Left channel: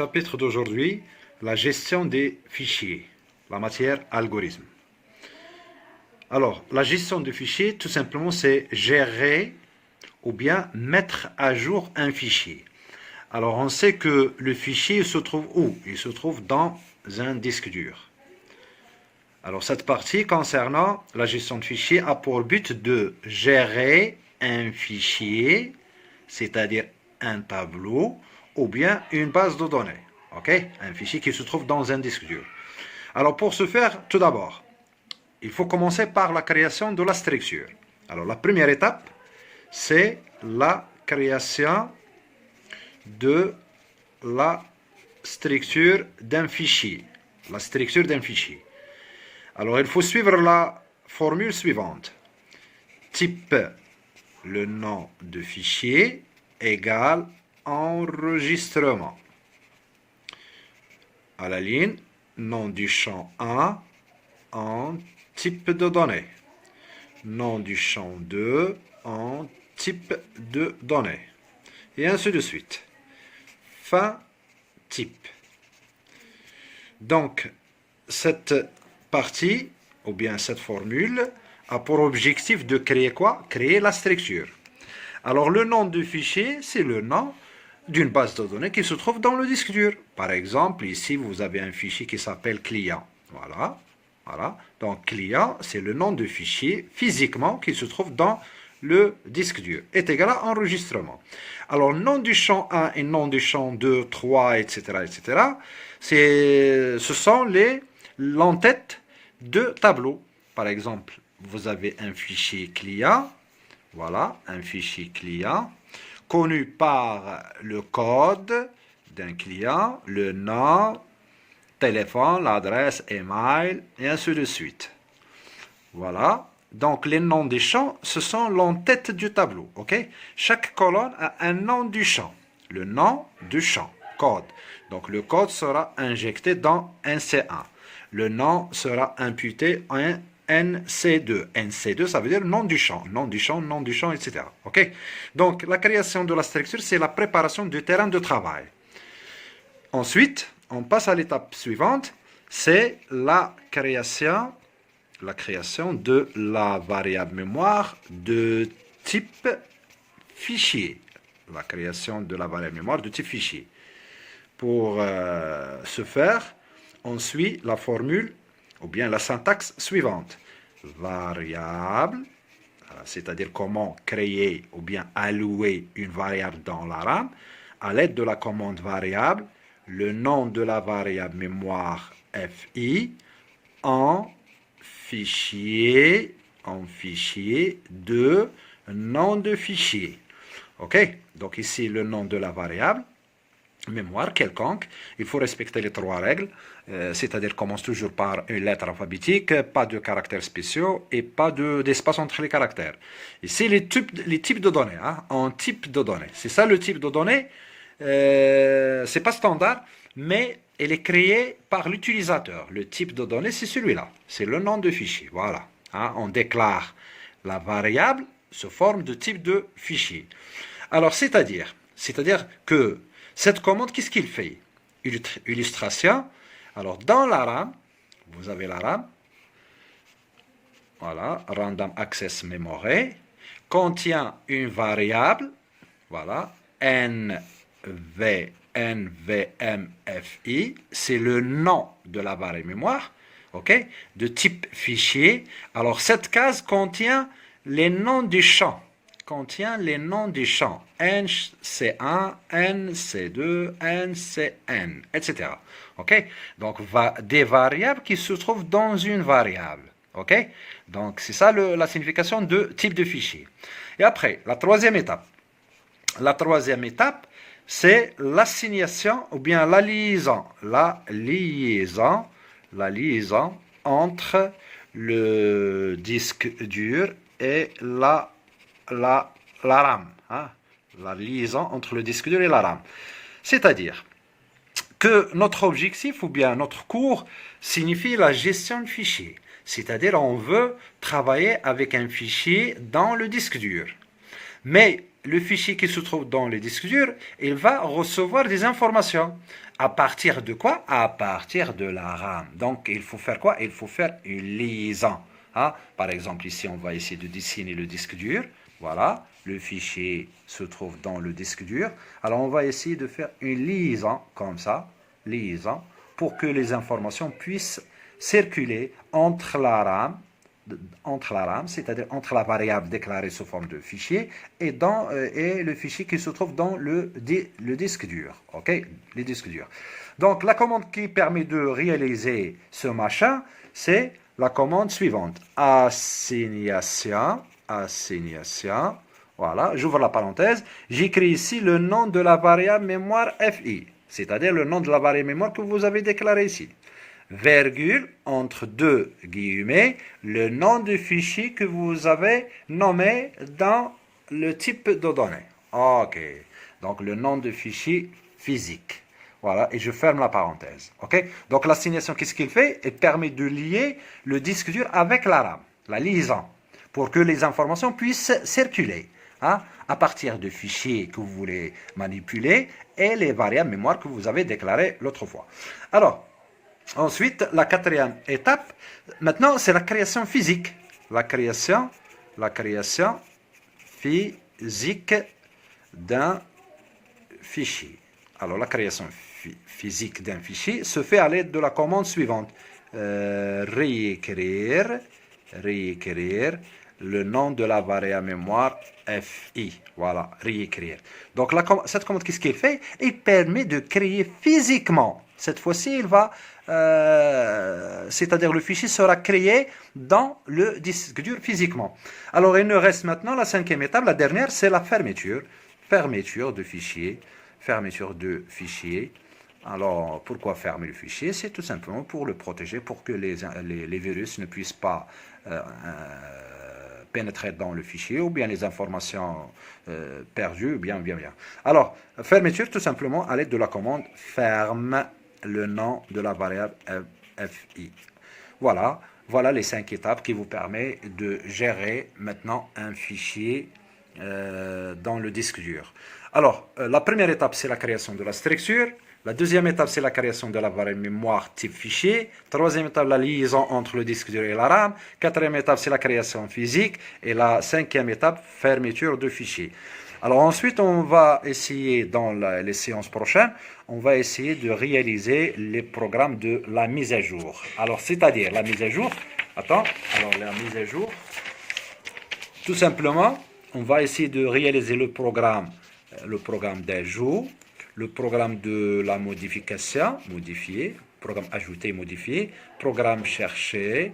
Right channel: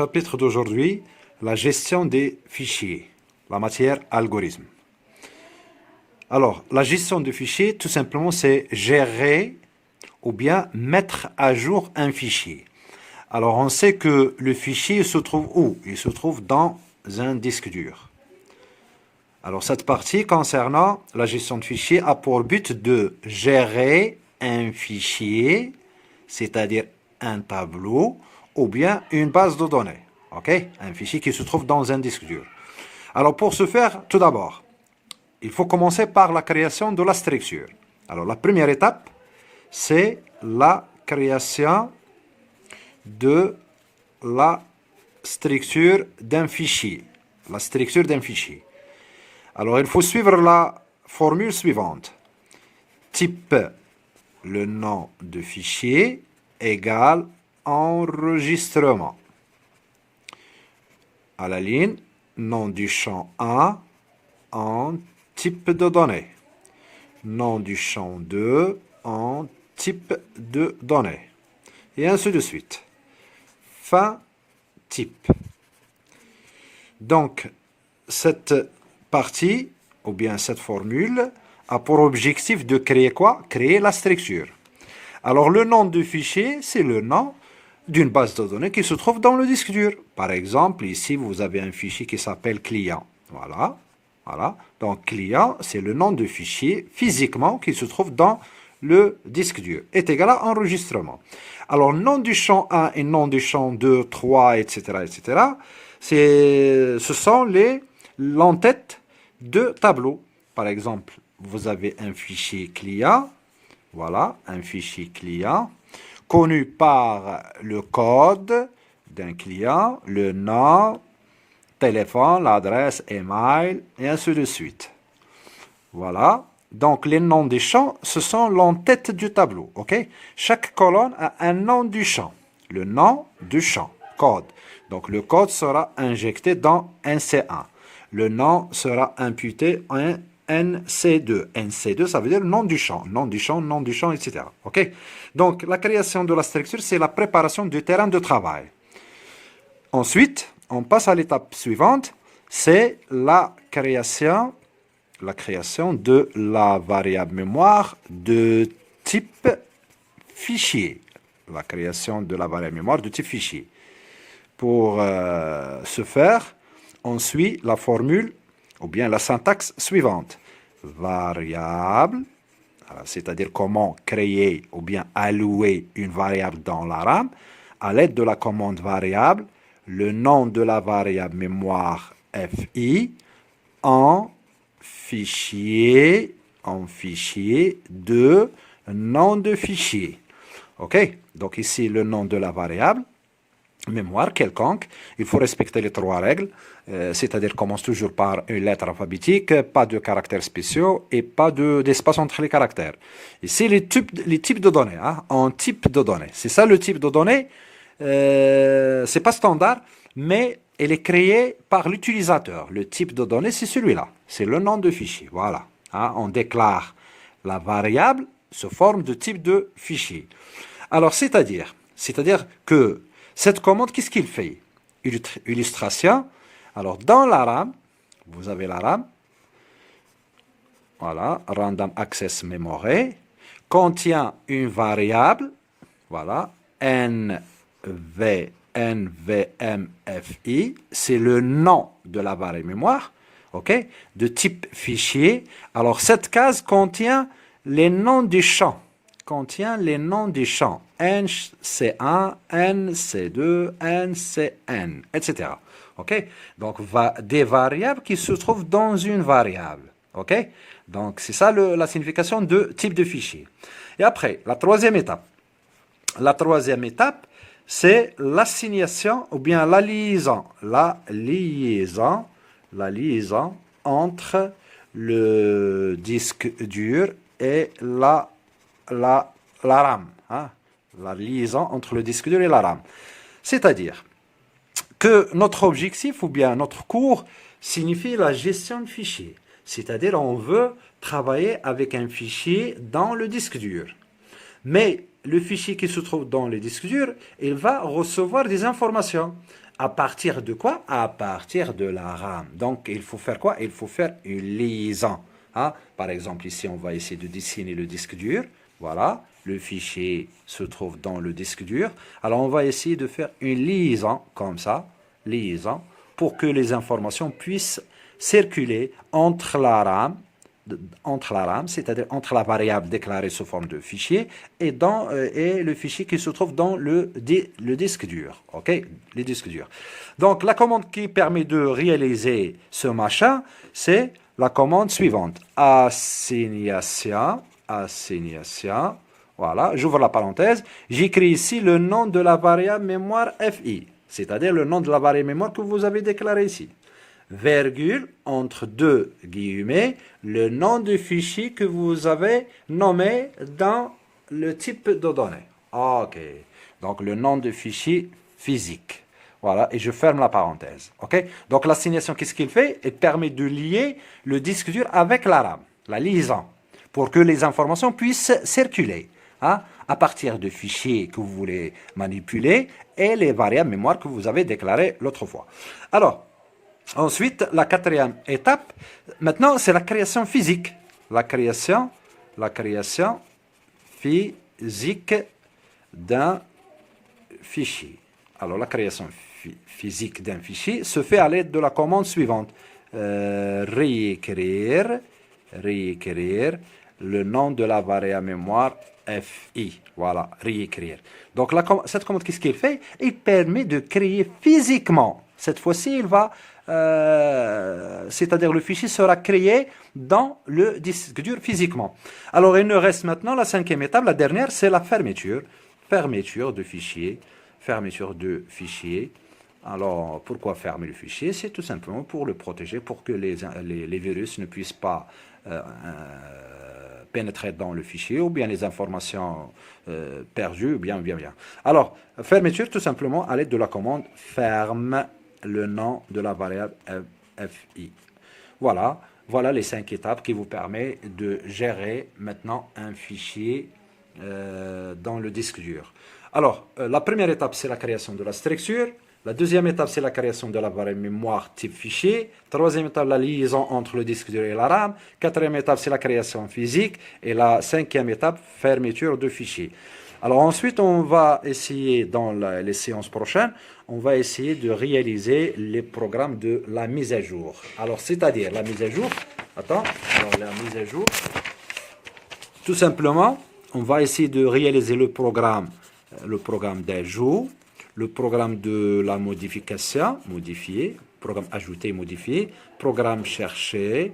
Chapitre d'aujourd'hui, la gestion des fichiers, la matière algorithme. Alors, la gestion des fichiers, tout simplement, c'est gérer ou bien mettre à jour un fichier. Alors, on sait que le fichier se trouve où? Il se trouve dans un disque dur. Alors, cette partie concernant la gestion de fichiers a pour but de gérer un fichier, c'est-à-dire un tableau, ou bien une base de données. Ok? Un fichier qui se trouve dans un disque dur. Alors, pour ce faire, tout d'abord, il faut commencer par la création de la structure. Alors, la première étape, c'est la création de la structure d'un fichier. La structure d'un fichier. Alors, il faut suivre la formule suivante. Type, le nom de fichier, égale enregistrement. À la ligne, nom du champ 1 en type de données. Nom du champ 2 en type de données. Et ainsi de suite. Fin type. Donc, cette partie, ou bien cette formule, a pour objectif de créer quoi? Créer la structure. Alors, le nom du fichier, c'est le nom d'une base de données qui se trouve dans le disque dur. Par exemple, ici, vous avez un fichier qui s'appelle client. Voilà. Voilà. Donc, client, c'est le nom de fichier physiquement qui se trouve dans le disque dur. Est égal à enregistrement. Alors, nom du champ 1 et nom du champ 2, 3, etc., etc., ce sont l'entête de tableaux. Par exemple, vous avez un fichier client. Voilà, un fichier client connu par le code d'un client, le nom, téléphone, l'adresse, email, et ainsi de suite. Voilà. Donc, les noms des champs, ce sont l'entête du tableau. Ok? Chaque colonne a un nom du champ. Le nom du champ. Code. Donc, le code sera injecté dans NC1. Le nom sera imputé en NC2. NC2, ça veut dire nom du champ. Nom du champ, etc. Ok? Donc, la création de la structure, c'est la préparation du terrain de travail. Ensuite, on passe à l'étape suivante. C'est la création de la variable mémoire de type fichier. La création de la variable mémoire de type fichier. Pour ce faire, on suit la formule ou bien la syntaxe suivante. Variable, c'est-à-dire comment créer ou bien allouer une variable dans la RAM à l'aide de la commande variable, le nom de la variable mémoire FI en fichier de nom de fichier. Ok? Donc ici, le nom de la variable mémoire quelconque, il faut respecter les trois règles, c'est-à-dire commence toujours par une lettre alphabétique, pas de caractères spéciaux et pas d'espace entre les caractères. Ici, les types de données, hein, en type de données. C'est ça le type de données, c'est pas standard, mais elle est créée par l'utilisateur. Le type de données, c'est celui-là, c'est le nom de fichier, voilà. Hein, on déclare la variable sous forme de type de fichier. Alors, c'est-à-dire que cette commande, qu'est-ce qu'il fait? Illustration. Alors, dans la RAM, vous avez la RAM. Voilà, Random Access Memory. Contient une variable. Voilà, NVMFI. C'est le nom de la variable mémoire. OK? De type fichier. Alors, cette case contient les noms des champs. NC1, NC2, NCN, etc. OK? Donc, des variables qui se trouvent dans une variable. OK? Donc, c'est ça la signification de type de fichier. Et après, la troisième étape. La troisième étape, c'est l'assignation ou bien la liaison entre le disque dur et la RAM, hein, la liaison entre le disque dur et la RAM. C'est-à-dire que notre objectif ou bien notre cours signifie la gestion de fichiers. C'est-à-dire on veut travailler avec un fichier dans le disque dur. Mais le fichier qui se trouve dans le disque dur, il va recevoir des informations. À partir de quoi? À partir de la RAM. Donc, il faut faire quoi? Il faut faire une liaison. Hein? Par exemple, ici, on va essayer de dessiner le disque dur. Voilà, le fichier se trouve dans le disque dur. Alors, on va essayer de faire une liaison, comme ça, liaison, pour que les informations puissent circuler entre la RAM, c'est-à-dire entre la variable déclarée sous forme de fichier et le fichier qui se trouve dans le disque dur. Ok, les disques durs. Donc, la commande qui permet de réaliser ce machin, c'est la commande suivante. Assignation. Voilà, j'ouvre la parenthèse. J'écris ici le nom de la variable mémoire FI, c'est-à-dire le nom de la variable mémoire que vous avez déclaré ici. Virgule, entre deux guillemets, le nom du fichier que vous avez nommé dans le type de données. Ok, donc le nom du fichier physique. Voilà, et je ferme la parenthèse. Ok, donc l'assignation, qu'est-ce qu'il fait? Il permet de lier le disque dur avec la RAM, la liaison, pour que les informations puissent circuler hein, à partir de fichiers que vous voulez manipuler et les variables mémoire que vous avez déclarées l'autre fois. Alors, ensuite, la quatrième étape, maintenant, c'est la création physique. La création physique d'un fichier. Alors, la création physique d'un fichier se fait à l'aide de la commande suivante. Réécrire le nom de la variable mémoire FI. Voilà, réécrire. Donc, cette commande, qu'est-ce qu'il fait? Il permet de créer physiquement. Cette fois-ci, il va c'est-à-dire le fichier sera créé dans le disque dur physiquement. Alors, il nous reste maintenant la cinquième étape, la dernière, c'est la fermeture. Fermeture de fichier. Alors, pourquoi fermer le fichier? C'est tout simplement pour le protéger, pour que les virus ne puissent pas pénétrer dans le fichier, ou bien les informations perdues, ou bien. Alors, fermeture tout simplement à l'aide de la commande ferme le nom de la variable FI. Voilà les 5 étapes qui vous permettent de gérer maintenant un fichier dans le disque dur. Alors, la première étape, c'est la création de la structure. La deuxième étape, c'est la création de la variable mémoire type fichier. Troisième étape, la liaison entre le disque dur et la RAM. Quatrième étape, c'est la création physique. Et la cinquième étape, fermeture de fichier. Alors ensuite, on va essayer dans les séances prochaines, on va essayer de réaliser les programmes de la mise à jour. Alors, c'est-à-dire la mise à jour, tout simplement, on va essayer de réaliser le programme d'ajout, le programme de la modification, programme ajouter, modifier, programme chercher,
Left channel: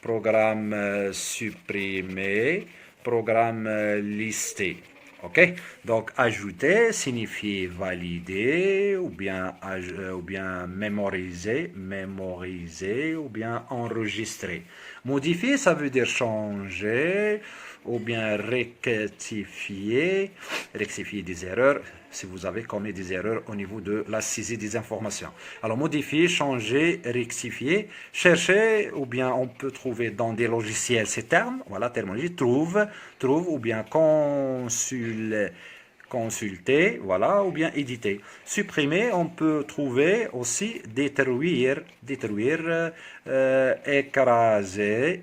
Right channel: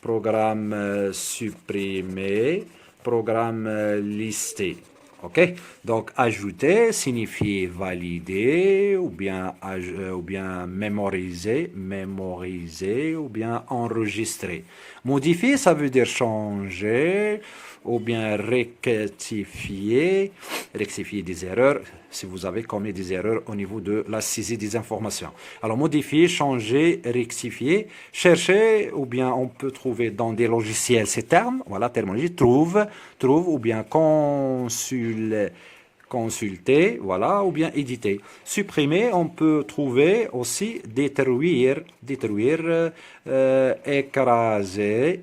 programme supprimer, programme lister. Ok, donc ajouter signifie valider ou bien mémoriser ou bien enregistrer. Modifier, ça veut dire changer ou bien rectifier des erreurs si vous avez commis des erreurs au niveau de la saisie des informations. Alors modifier, changer, rectifier, chercher ou bien on peut trouver dans des logiciels ces termes, voilà, terminologie, trouve ou bien consulter, voilà, ou bien éditer. Supprimer, on peut trouver aussi détruire, écraser,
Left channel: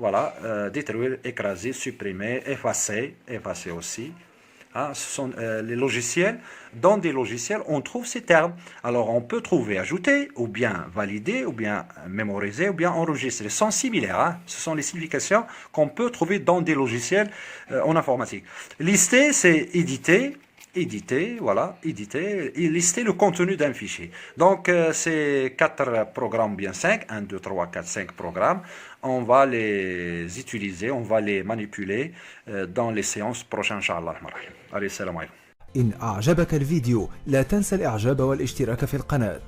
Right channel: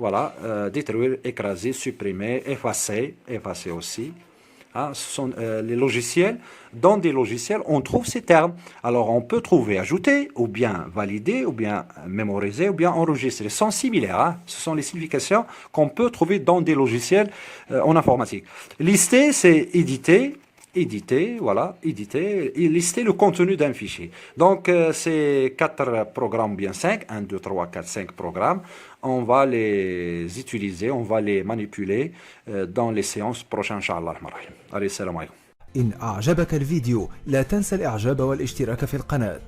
voilà, détruire, écraser, supprimer, effacer aussi. Hein, ce sont les logiciels. Dans des logiciels, on trouve ces termes. Alors, on peut trouver ajouter, ou bien valider, ou bien mémoriser, ou bien enregistrer. Ils sont similaires. Hein. Ce sont les significations qu'on peut trouver dans des logiciels en informatique. Lister, c'est éditer, voilà, éditer et lister le contenu d'un fichier. Donc, ces 4 programmes, bien 5, 1, 2, 3, 4, 5 programmes, on va les utiliser, on va les manipuler dans les séances prochaines, Inch'Allah. Allez, salam alaikum. إن أعجبك الفيديو لا تنسى الإعجاب والاشتراك في القناة.